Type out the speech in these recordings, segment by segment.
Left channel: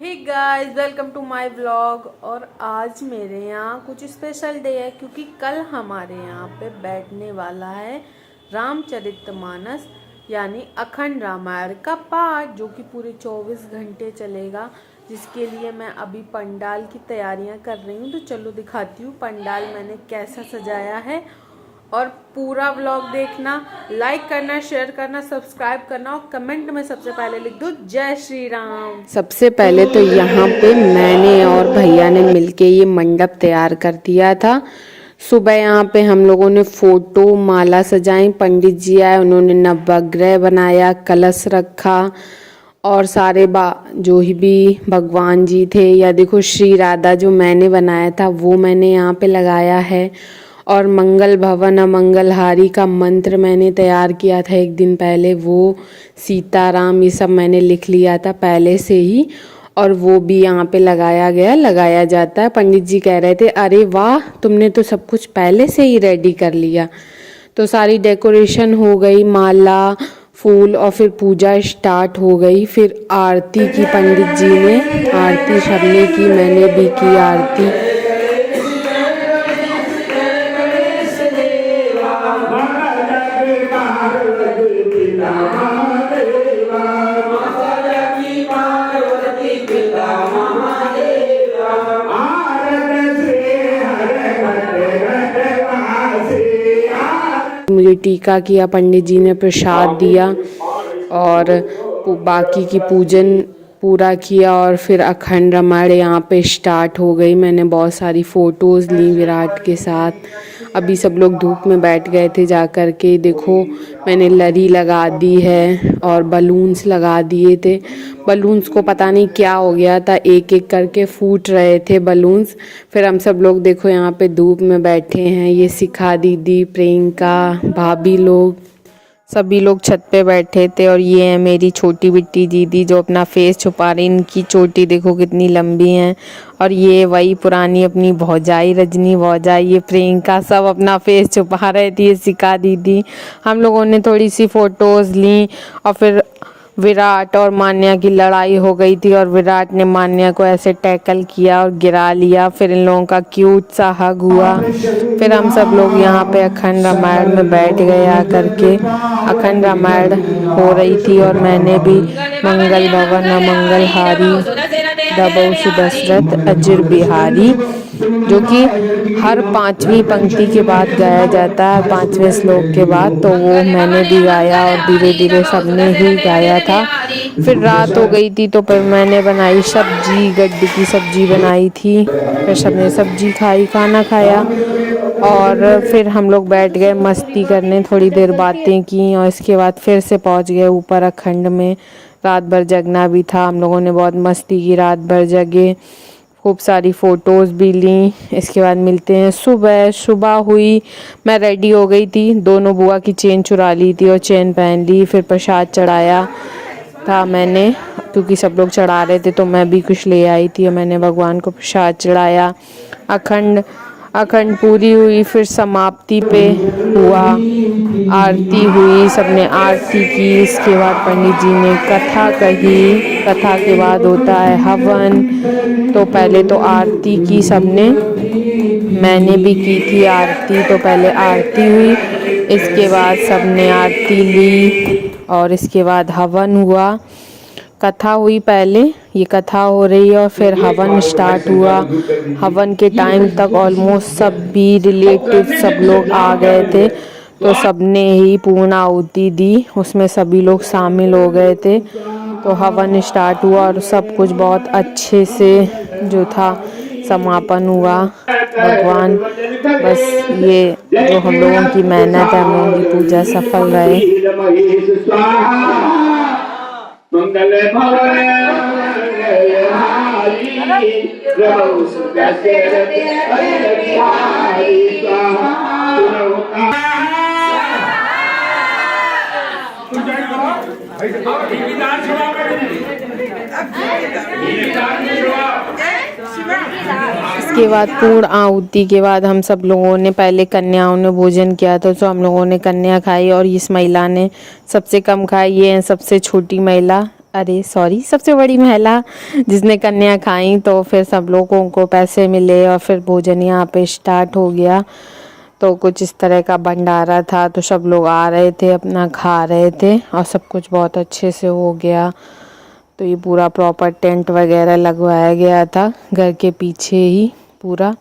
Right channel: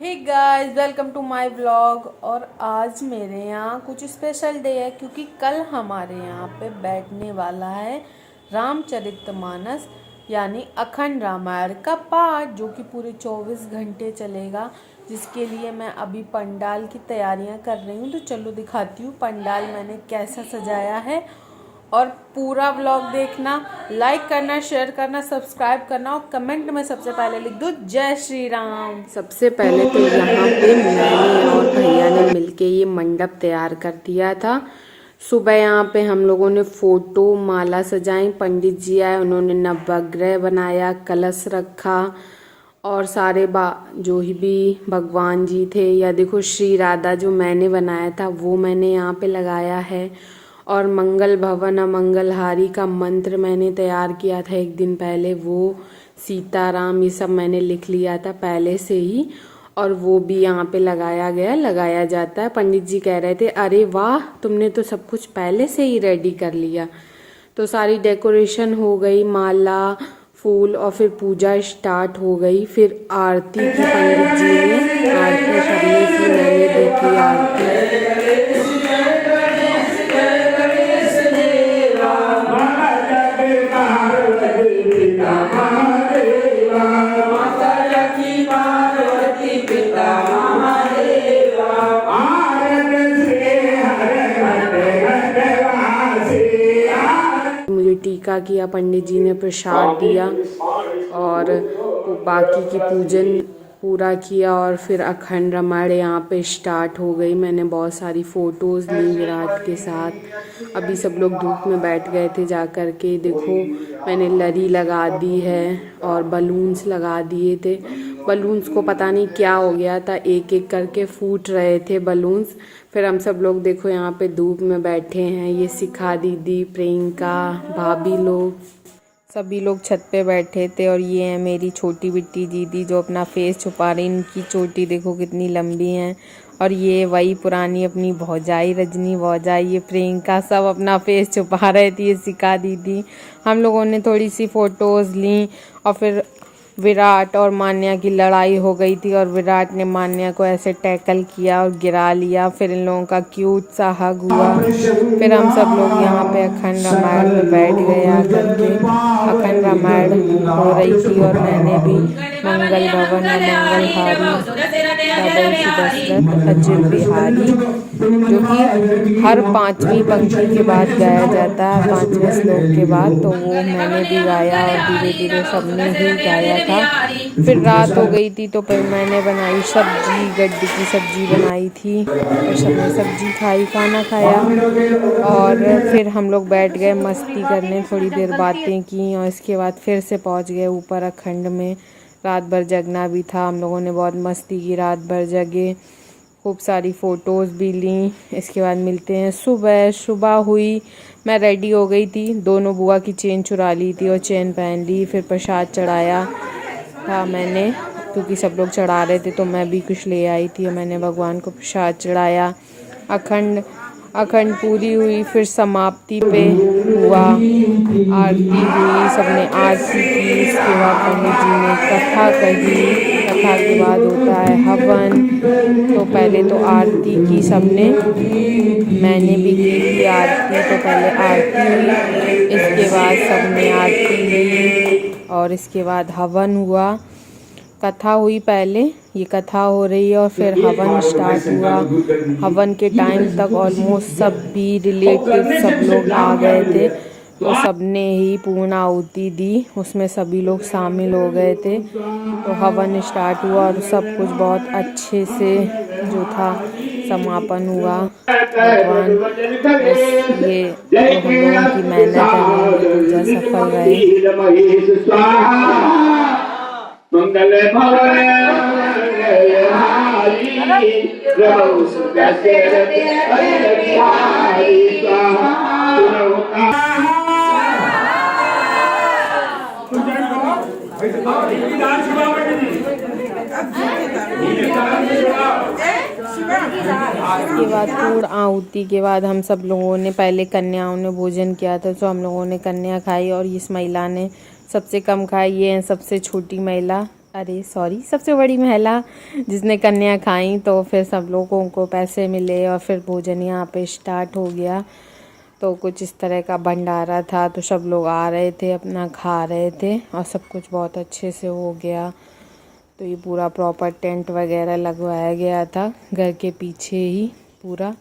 Hey guys, welcome to my vlog. और आज मेरे यहाँ कुछ स्पेशल डे है क्योंकि कल हमारे यहाँ पे बैठने वाला है रामचरितमानस यानी अखंड रामायण का पाठ, जो कि पूरे 24 घंटे चलेगा। जिसके लिए मैं अभी पंडाल की तैयारियां कर रही हूँ। तो चलो दिखाती हूँ पंडाल मैंने कैसा सजाया है। और पूरा व्लॉग देखना, लाइक करना, शेयर करना, सब्सक्राइब करना और कमेंट में सबसे पहले लिख दो जय श्री राम। सबसे पहले तो यहाँ पे मैंने और भैया ने मिलके ये मंडप तैयार कर दिया था। सुबह यहाँ पे हम लोगों ने फोटो माला सजाई, पंडित जी आए, उन्होंने नवग्रह बनाया, कलश रखा और सारे जो भी भगवान जी थे, या देखो श्री राधा जो मैंने बनाया था वो मैंने यहाँ पे लगाया है। और मंगल भवन अमंगल हारी का मंत्र मैंने तैयार किया था एक दिन पहले, वो सीताराम ये सब मैंने लिख लिया था पहले से ही, और वो भी यहाँ पे लगाया जाता है। पंडित जी कह रहे थे अरे वाह, तुमने तो सब कुछ पहले से ही रेडी कर लिया। तो सारी डेकोरेशन हो गई, माला फूल, और फिर पूजा स्टार्ट हो गई। फिर आरती की पंडित जी ने, आरती सबने की, मैंने भी की आरती। मुझे टीका किया, पंडित जी ने प्रसाद दिया और बाकी की पूजन पूरा किया। और फिर अखंड रामायण यहाँ पे स्टार्ट हो गई। मैंने बहुत सारी फ़ोटोज़ ली विराट के साथ। अभी सब लोग धूप में बैठ गए थे जा कर के। देखो मैंने लरी लगा दी है और बलून्स लगा दिए थे। बलून्स को पता नहीं क्या हो गया था, एक एक करके फूट रहे थे बलून्स। फिर हम सब लोग देखो यहाँ पे धूप में बैठे हैं। ये शिखा दीदी, प्रियंका, भाभी लोग, सभी लोग छत पे बैठे थे। और ये है मेरी छोटी बिट्टी दीदी जो अपना फेस छुपा रही। इनकी चोटी देखो कितनी लंबी है। और ये वही पुरानी अपनी भौजाई, रजनी भौजाई, ये प्रियंका, सब अपना फेस छुपा रहे थे। ये शिखा दीदी। हम लोगों ने थोड़ी सी फ़ोटोज़ ली। और फिर विराट और मान्या की लड़ाई हो गई थी और विराट ने मान्या को ऐसे टैकल किया और गिरा लिया। फिर इन लोगों का क्यूट सा हग हुआ। फिर हम सब लोग यहाँ पे अखंड रामायण में बैठ गए आकर के। अखंड रामायण हो रही थी और मैंने भी मंगल भवन अमंगल हारी डबल दशरथ अजर बिहारी, जो कि हर 5वीं पंक्ति के बाद गाया जाता है, 5वें श्लोक के बाद, तो वो मैंने भी गाया और धीरे धीरे सबने ही गाया था। फिर रात हो गई थी तो फिर मैंने बनाई सब्जी, गड्ढे की सब्जी बनाई थी। फिर सबने सब्जी खाई, खाना खाया और फिर हम लोग बैठ गए मस्ती करने, थोड़ी देर बातें की और इसके बाद फिर से पहुंच गए ऊपर अखंड में। रात भर जगना भी था, हम लोगों ने बहुत मस्ती की, रात भर जगे, खूब सारी फ़ोटोज़ भी ली। इसके बाद मिलते हैं सुबह। सुबह हुई, मैं रेडी हो गई थी, दोनों बुआ की चेन चुरा ली थी और चेन पहन ली। फिर प्रसाद चढ़ाया था मैंने, क्योंकि सब लोग चढ़ा रहे थे तो मैं भी कुछ ले आई थी और मैंने भगवान को प्रसाद चढ़ाया। अखंड पूरी हुई। फिर समाप्ति पे हुआ, आरती हुई, सबने आरती की। इसके बाद पंडित जी ने कथा कही। कथा के बाद होता है हवन। तो पहले तो आरती की सबने, मैंने भी की थी आरती। तो पहले आरती हुई, इसके बाद सबने आरती ली और इसके बाद हवन हुआ। कथा हुई पहले, ये कथा हो रही है और फिर हवन स्टार्ट हुआ। हवन के टाइम तक ऑलमोस्ट सभी रिलेटिव सब लोग आ गए थे, तो सबने ही पूर्ण आहुति दी, उसमें सभी लोग शामिल हो गए थे। तो हवन स्टार्ट हुआ और सब कुछ बहुत अच्छे से जो था समापन हुआ। भगवान बस ये जो हम लोगों की मेहनत है, हमारी पूजा सफल रहे। मंगल भवन इसके बाद पूर्ण आहुति के बाद हम सब लोगों ने, पहले कन्याओं ने भोजन किया था, तो हम लोगों ने कन्या खाई और इस महिला ने सबसे कम खाई। ये है सबसे छोटी महिला अरे सॉरी, सबसे बड़ी महिला जिसने कन्या खाई। तो फिर सब लोगों को पैसे मिले और फिर भोजन यहाँ पे स्टार्ट हो गया। तो कुछ इस तरह का भंडारा था, तो सब लोग आ रहे थे, अपना खा रहे थे और सब कुछ बहुत अच्छे से हो गया। तो ये पूरा प्रॉपर टेंट वगैरह लगवाया गया था घर के पीछे ही पूरा,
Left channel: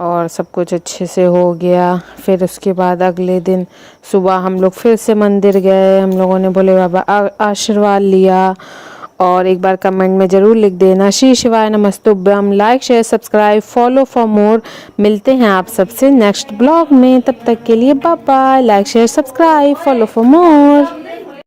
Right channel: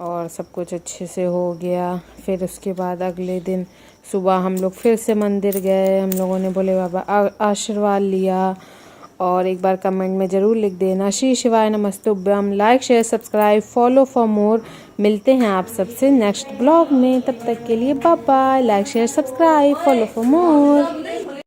और सब कुछ अच्छे से हो गया। फिर उसके बाद अगले दिन सुबह हम लोग फिर से मंदिर गए। हम लोगों ने भोले बाबा आशीर्वाद लिया। और एक बार कमेंट में ज़रूर लिख देना श्री शिवाय नमस्तुभ्यम। Like share subscribe follow for more. मिलते हैं आप सबसे नेक्स्ट ब्लॉग में, तब तक के लिए bye bye. Like share subscribe follow for more.